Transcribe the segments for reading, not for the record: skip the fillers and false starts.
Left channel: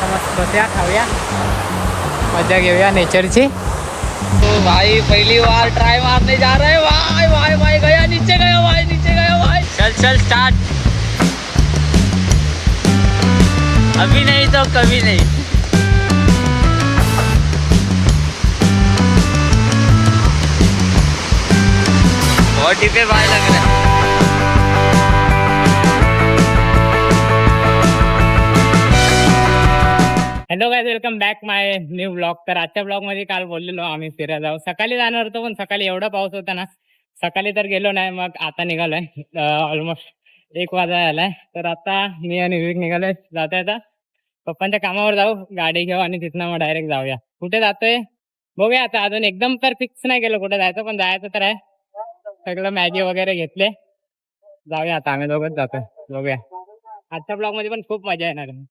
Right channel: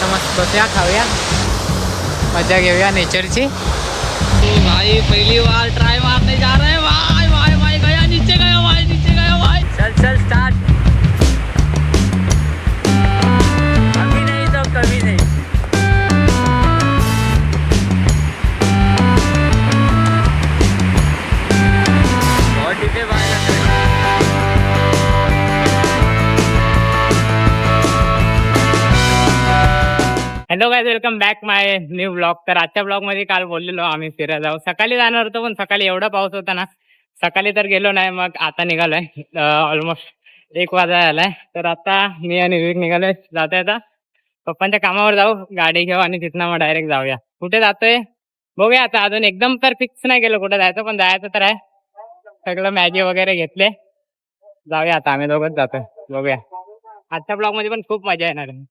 आता मस्त बसूया, खाऊया, मजा घेऊया नेचरची। तो भाई पहली बार ट्राई मारने जा रहे हैं। भाई भाई भाई गया नीचे, गया भाई नीचे, गया भाई। चल चल स्टार्ट। अभी नहीं तो कभी नहीं। बहुत डिपे बार लग रहा है। हॅलो गाइस, वेलकम बॅक माय न्यू ब्लॉग। तर आजच्या ब्लॉग मध्ये काल बोललेलो आम्ही फिरायला जाऊ, सकाळी जाणार होतो पण सकाळी एवढा पाऊस होता ना, सकाळी तर गेलो नाही। मग आता निघालोय, ऑलमोस्ट 1 वाजा आलाय। तर आता मी आणि विवेक निघालोय, जाता आता पप्पांच्या कामावर जाऊ, गाडी घेऊ आणि तिथनं मग डायरेक्ट जाऊया। कुठे जातोय बघूया आता, अजून एकदम तर फिक्स नाही केलं कुठे जायचं, पण जायचं तर आहे। सगळं मॅगी वगैरे घेतले, जाऊया आता, आम्ही दोघंच जातोय, बघूया। आजच्या ब्लॉग मध्ये पण खूप मजा येणार आहे,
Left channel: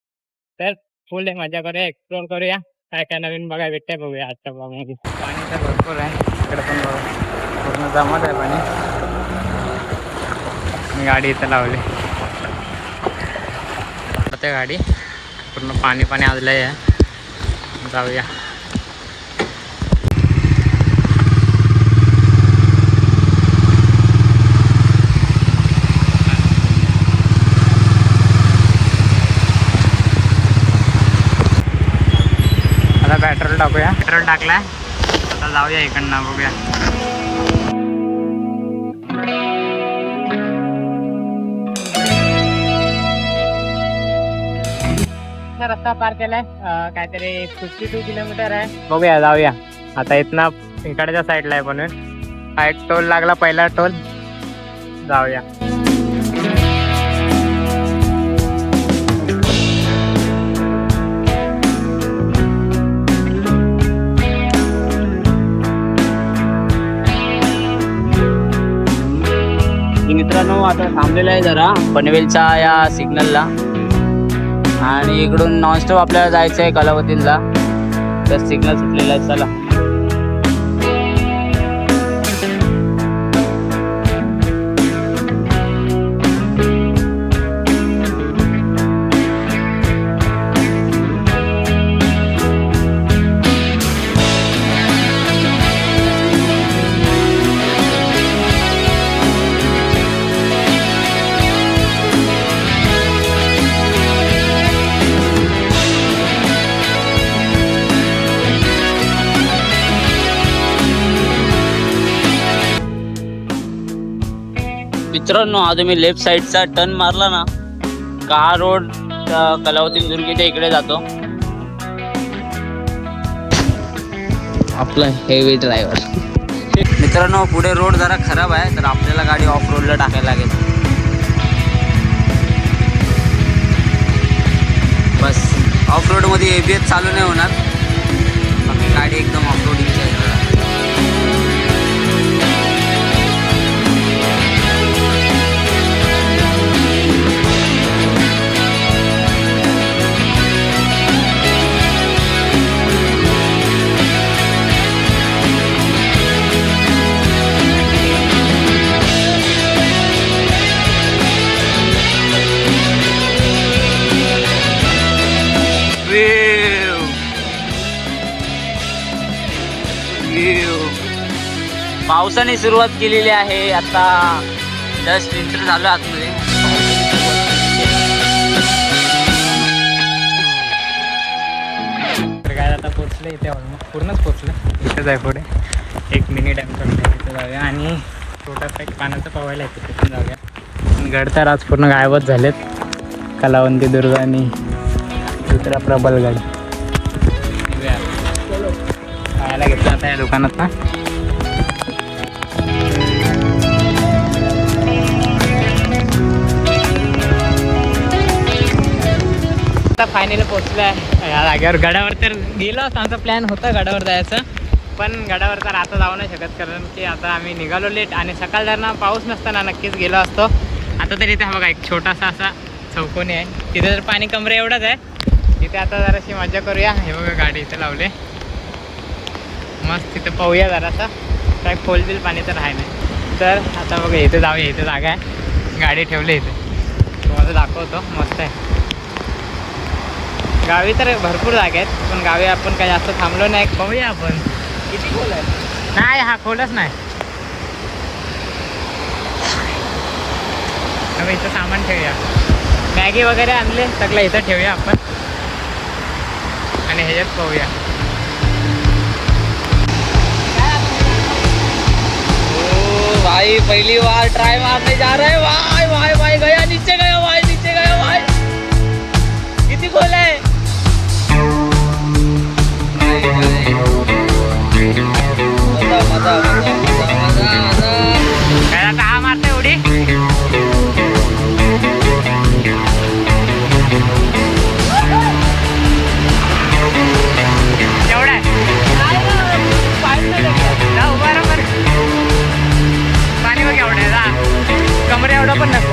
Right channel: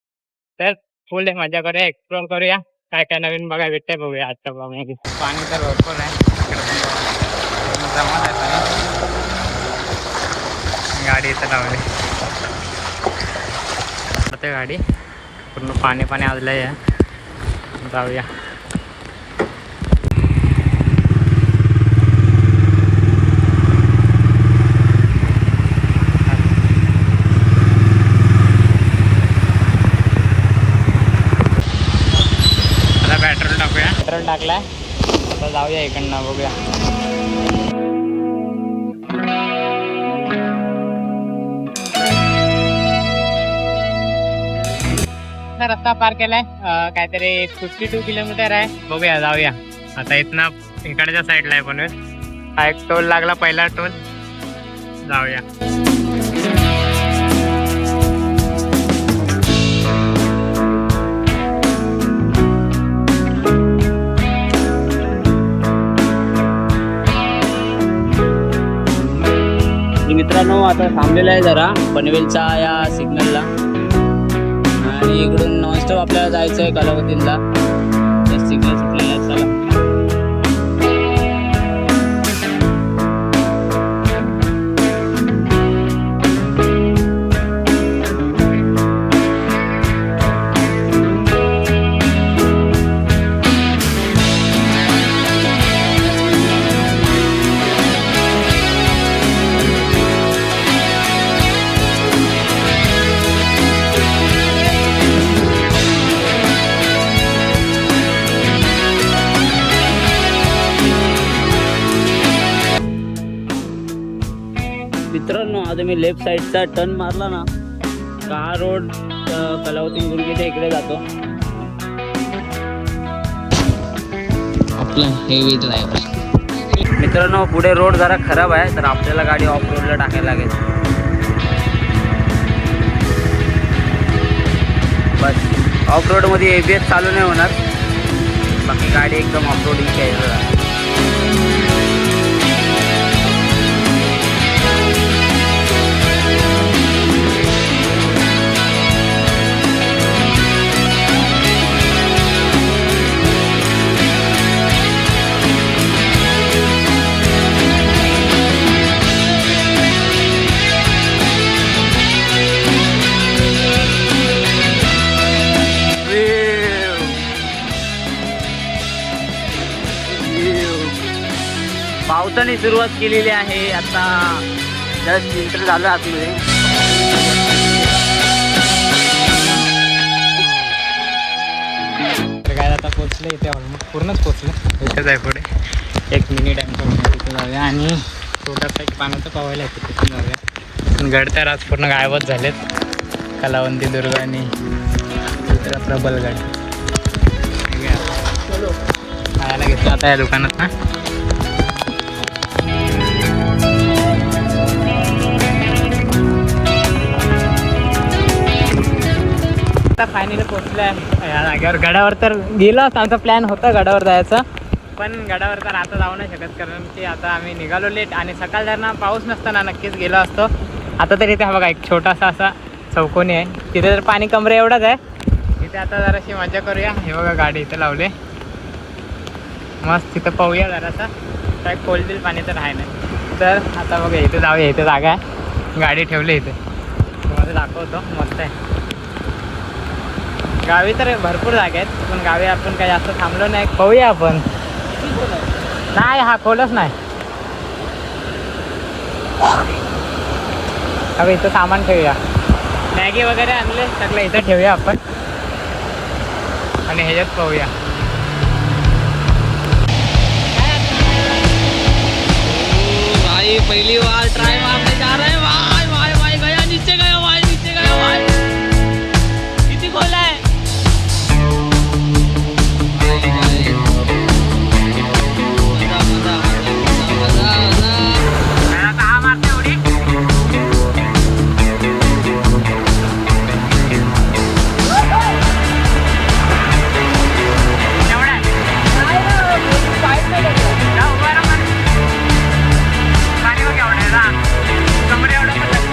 तर फुल डे मजा करूया, एक्सप्लोर करूया, काय काय नवीन बघायला भेटतंय बघूया आजच्या ब्लॉग मध्ये। पाणी तर भरपूर आहे इकडे पण, बघा पूर्ण जमात आहे पाणी। मी गाडी इथं लावली, ते गाडी पूर्ण पाणी पाणी आजलंय आहे, जाऊया। आता पेट्रोल टाकूया, पेट्रोल टाकलाय, आता जाऊया इकडनं, बघूया। रस्ता पार केलाय, काहीतरी 52 किलोमीटर आहे, बघूया जाऊया आता। इथनं इकडच्या साईडला आहे पण हा एक टोल लागला, पहिला टोल, जाऊया। मित्रांनो आता थांबलेलं आहे जरा पनवेलच्या या सिग्नलला, आणि इकडून नॉनस्टॉप आपल्याला जायचं आहे कलावतीला, तर सिग्नल सुटलेला आहे, चला। मित्रांनो आता मी लेफ्ट साईडचा टर्न मारला ना का हा रोड कलावती दुर्गेच्या इकडे जातो। आपला हेवी ड्रायव्हर। मित्रांनो पुढे रोड जरा खराब आहे, तर आपल्याला गाडी ऑफ रोडला टाकायला लागेल। बस ऑफ रोड मध्ये ABS चालू नाही होणार, बाकी गाडी एकदम ऑफ रोडिंगची आहे। पावसाने सुरुवात केलेली आहे, आता जस्ट एंटर झालो आतमध्ये। तर काय आता पोचलं इथे, ऑलमोस्ट पूर्णच पोचलं, इथेच आहे पुढे 1 मिनिट आहे, तर तिथे जाऊया आणि छोटासा एक पाण्याचं पावायला आहे, तिथे पण जाऊया। गड तर आज पूर्ण गायबच झालेत, कलावंती दुर्ग आणि दुसरा प्रबलगड। खायला घेतला आता या दुकानात ना। आता फायनली पोचलं आहे या जागेवर। गडावर तर गेलो, आता प्लॅन होता गडावर जायचं, पण गडावर तर आता जाऊ नाही शकत, कारण की आता आम्ही निघालो लेट, आणि सकाळ धरणं पाऊस नसताना नक्कीच गेलो असतो। आता तर इथे बघा एक छोटासा असा चौकोनी आहे, तिथे तर पाणी कमरे एवढंच आहे, तिथे आता जराशी मजा करूया। हे बघा गाडी इथे लावले, मस्त तिथं पाहूया जरासा, काय खोलबिल पाणी तर आहे नाही। तर आता बघा इथे जाऊया, इथे जागा आहे, गाडी ठेवली इथे, तुम्हाला दाखवतो, मस्त आहे गावी तर भरपूर जागा आहेत पण गावी आपण काही जास्त थांबलो नाही. पाहूया आपण. नाही हा खोलच नाही. अबे इथं सामान ठेवूया. मॅगी वगैरे आणले सगळं इथं ठेवूया आपण आणि ह्याच्यात पाहूया. भाई पहली बार ट्राई मारने जा रहे हैं. भाई भाई भाई गया नीचे गया भाई नीचे गया भाई. किती खोल आहे. मजा मजा मजा मजा मजा. का मारते उडी. कमरे एवढं पण नको.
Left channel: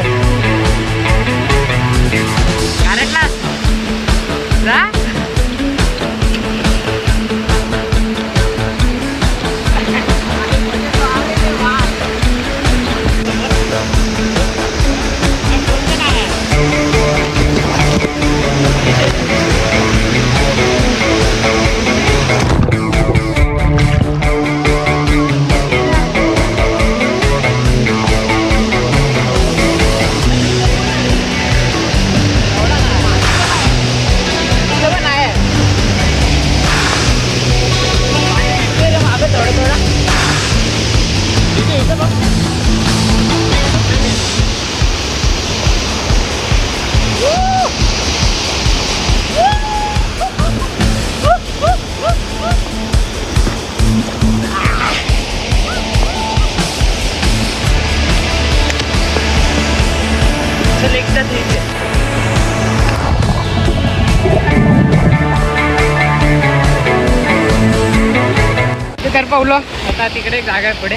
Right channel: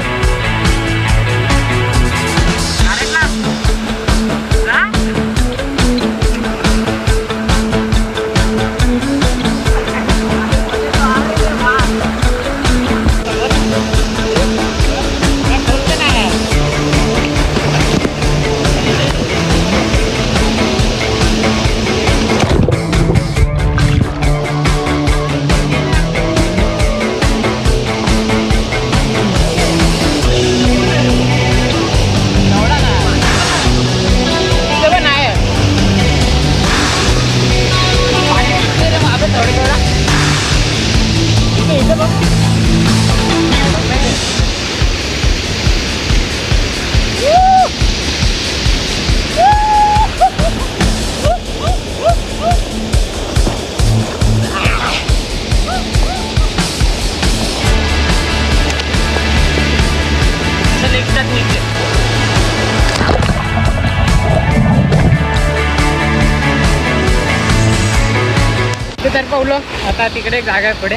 तर पावलं आता तिकडे जागा आहे पुढे.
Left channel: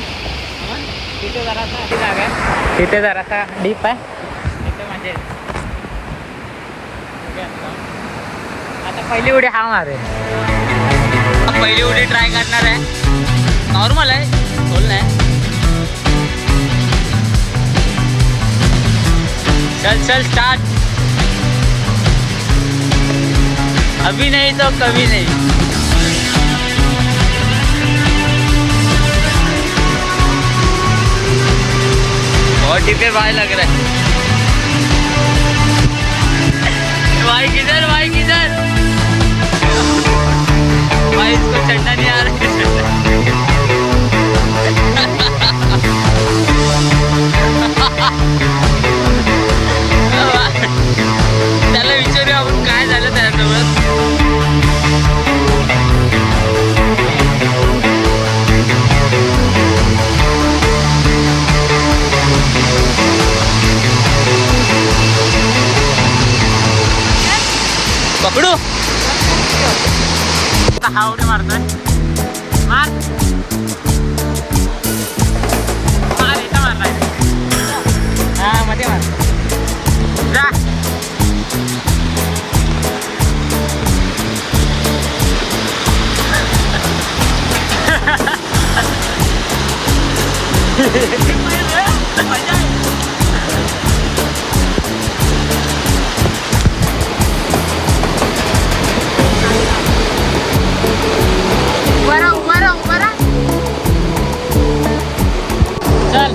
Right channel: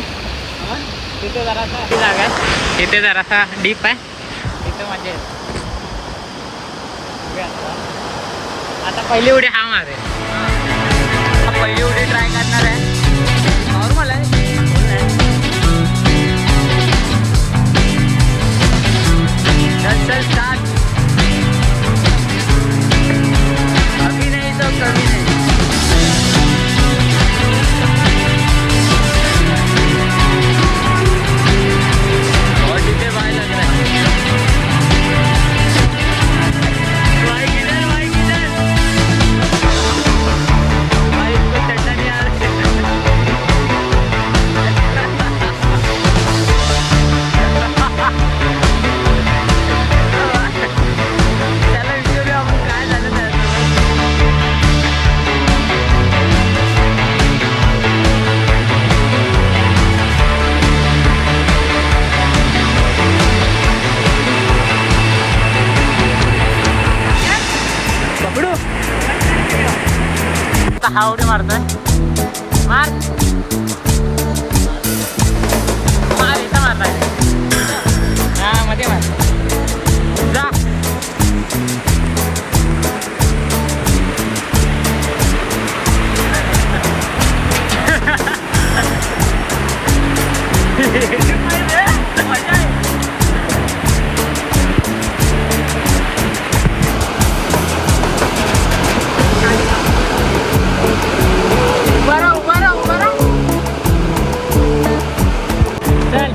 तिथे जरासा ती जागा आहे. तिथे जरासा डीप आहे. तिथे मजा येते. आता पहिली उडी हा मारे. पहिली उडी ट्राय करणार आहे. नॉर्मल आहे. खोल नाही. चल चल स्टार्ट. अभी नहीं तो कभी नहीं. बहुत डिब्बे भाई लग रहा है. भाई किधर भाई किधर. भाई इसको चढ़ना नहीं आ रहा है. त्याला विचारूया आपण काय झालं त्याच्यासोबत. पकडू. हा उडी मारतोय. मार मार इथं मारलाय. हा मध्ये मार. जा. चल.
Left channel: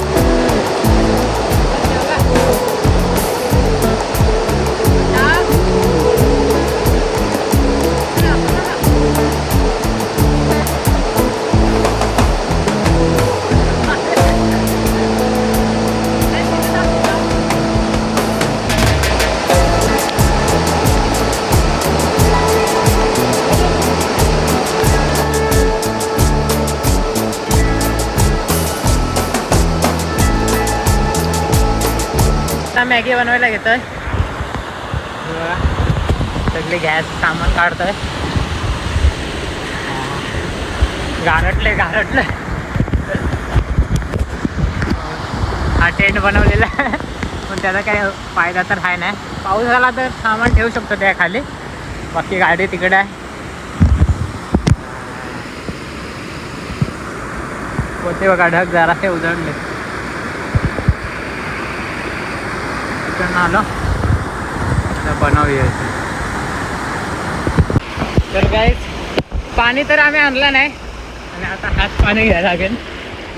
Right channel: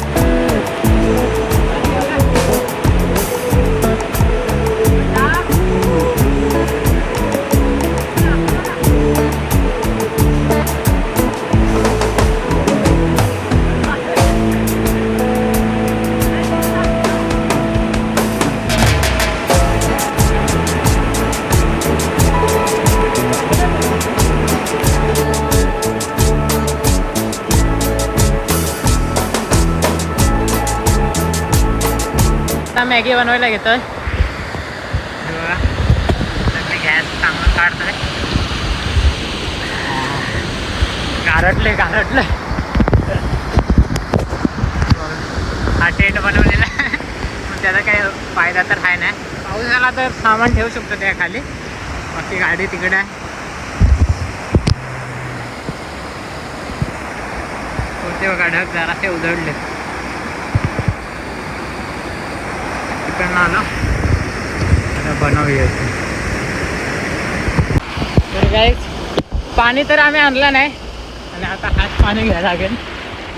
आता मॅगी बनवायला घेतोय. बघा सगळे गॅस सामान काढतोय. गारटले हा टेंट बनवलेला आहे पण त्याचा काही फायदा तर आहे नाही. पाऊस झाला तर सामान ठेवू शकतो त्या खाली. बाकी गाडी तिकडे आहे. कोणते बघा ढग जरासे उजळले. तिकडनं आलो आता बनवूया इथे. तर काय पाणी तर आम्ही आणलं नाही आणि आता हात पाणी घ्यायला लागेल.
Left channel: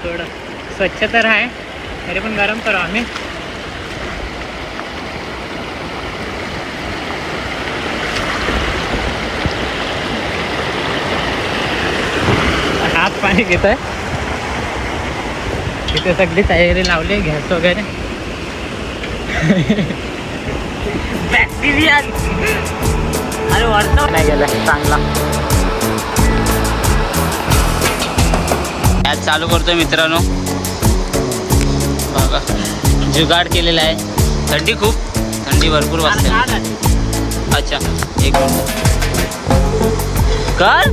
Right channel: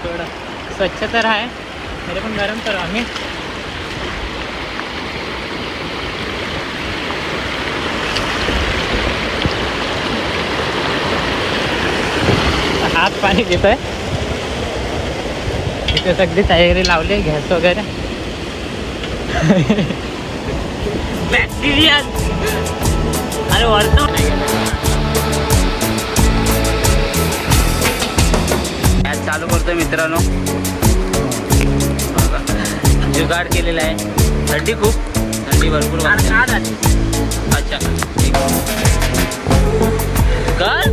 थोडं स्वच्छ तर आहे तरी पण गरम करू आम्ही. हात पाणी घेतोय. इथे सगळी तयारी लावली गॅस वगैरे. बॅक्टेरिया अरे वरतो नाही गेलं चांगला. गॅस चालू करतोय मित्रांनो. बघा जुगाड केलेला आहे. थंडी खूप थंडी भरपूर वाजते. अच्छा एक काय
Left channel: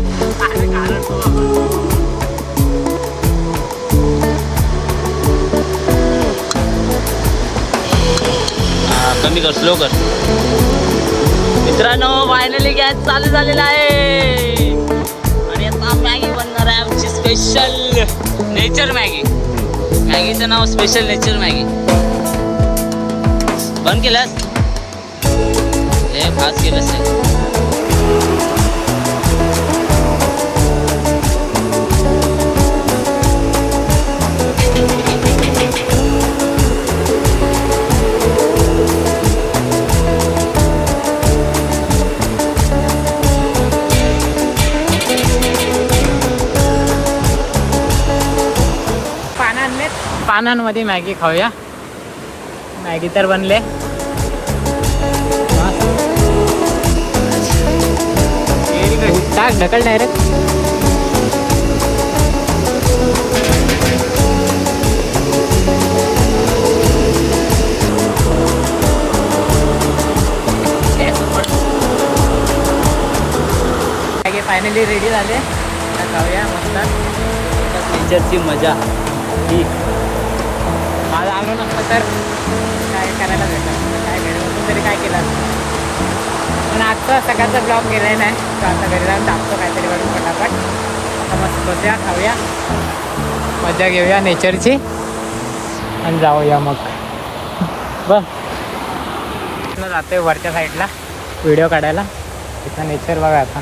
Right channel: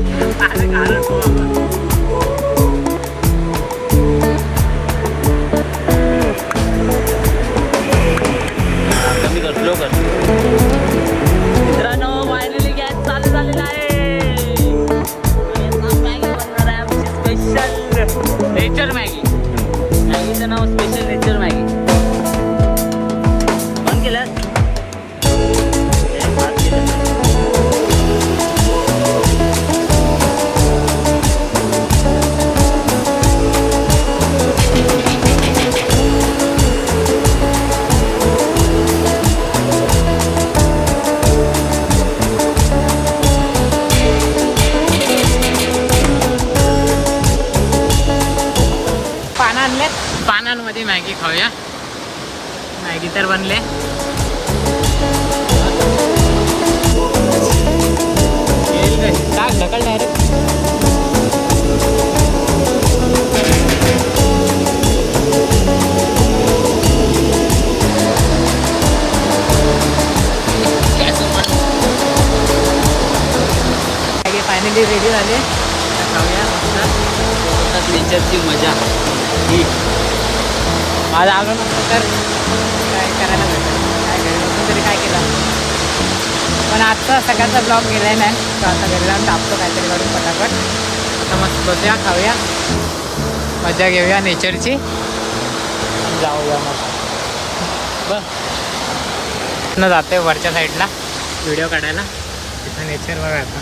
कमी कर स्लो कर. मित्रांनो फायनली गॅस चालू झालेला आहे आणि आता मॅगी बनणार आहे आमची स्पेशल नेचर मॅगी. मॅगीचं नाव स्पेशल नेचर मॅगी. बंद केलंस हे खास केलंस. पानांमध्ये मॅगी खाऊया. मॅगी तर बनले. ढकल डायरेक्ट. मॅगी फायनली रेडी झाले. खाऊया मस्त. नेचरची मजा ही आज आलो नसतं तर काय करायला भेटलं. काय घरी बसून तरी काय केलं. पण आजचा सकाळचा ब्लॉग गेलाय नाही तर आता घरी जाऊन टाकतो काहीतरी करून पटापट. आता मस्त बसूया खाऊया मजा घेऊया नेचरची आणि जाऊया मग. बघ जाते वरच्या साईडला व्हिडिओ काढायला. तिथं नेचर बघा आता.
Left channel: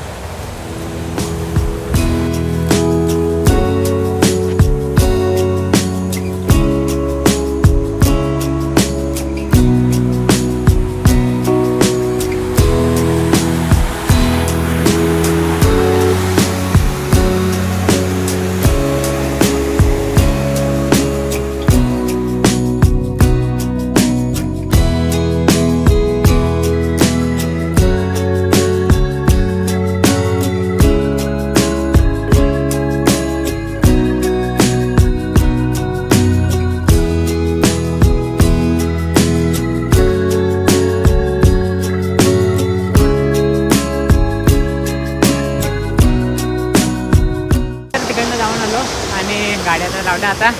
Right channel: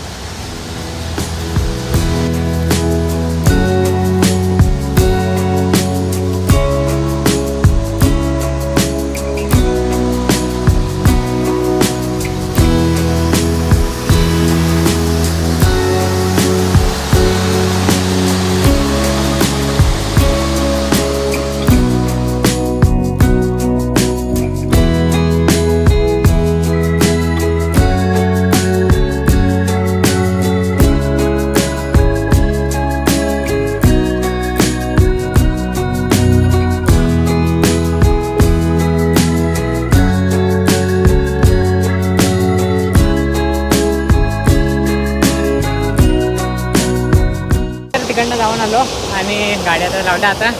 तिकडनं जाऊन आलो आणि गाड्या तर लावल्या. आता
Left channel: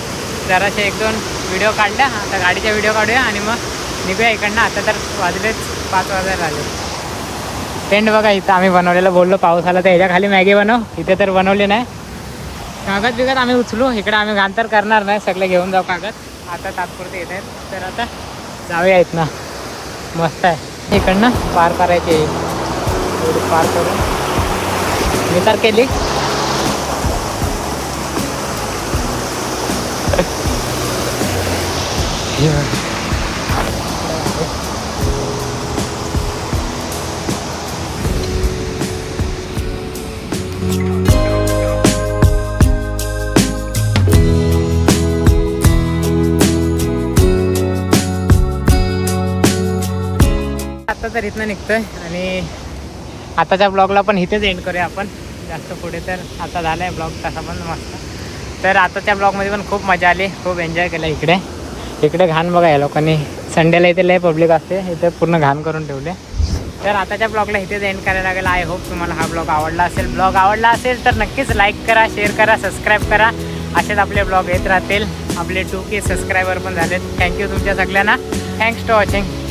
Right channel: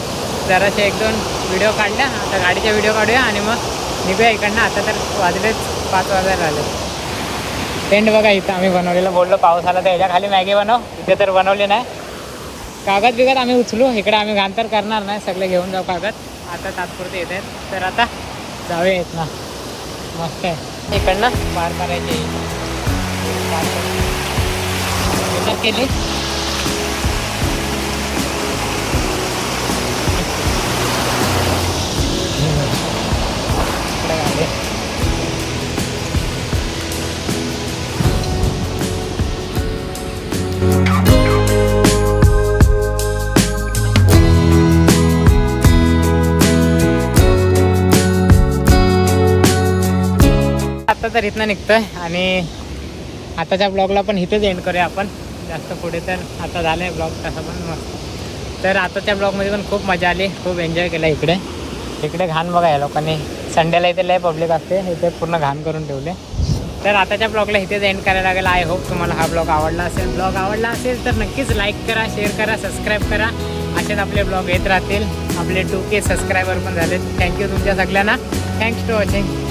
जराशे 1-2 व्हिडिओ काढल्या. आता गाडीचा व्हिडिओ काढूया आणि मग निघूया इकडनं. आता तर वाजलेच 5 वाजायला आले. टेंट बघा इथं आम्ही बनवलेलं. बोललो पाऊस आला तर ह्याच्या खाली मॅगी बनव. इथे तर बनवली नाही. कागद बिगद आम्ही उचलू. इकडे आम्ही घाण तर करणार नाही. सगळे घेऊन जाऊ कागद. आता तात्पुरते येत आहेत तर आता जाऊया इथनं. मस्त आहे. इकडनं पार करायची. पार करून मी तर केली. आता तर इथनं निघतोय आणि आताच्या ब्लॉगला पण इथेच एंड करूया आपण. जास्त पुढे तर आता झालं आहे ब्लॉग तसा पण मस्त. तर आताच्या ब्लॉगमध्ये पण खूप मजा आली. खूप एन्जॉय केला. इकडे घाण बघा या लोकांनी. संडेला इथे लय पब्लिक असते. इथे पूर्ण घाण करून ठेवले. तर आताच्या ब्लॉगला इथेच एंड करायला लागेल. आय होप तुम्हाला हा ब्लॉग आवडला असेल. ब्लॉग आवडला असेल तर नक्कीच लाईक करा, शेअर करा, सबस्क्राईब करा. असेच आपले ब्लॉग येत राहतील. आपले 2K सबस्क्रायबर पण झालेत. थँक्यू तुमच्या सगळ्यांना. Thanks to watching.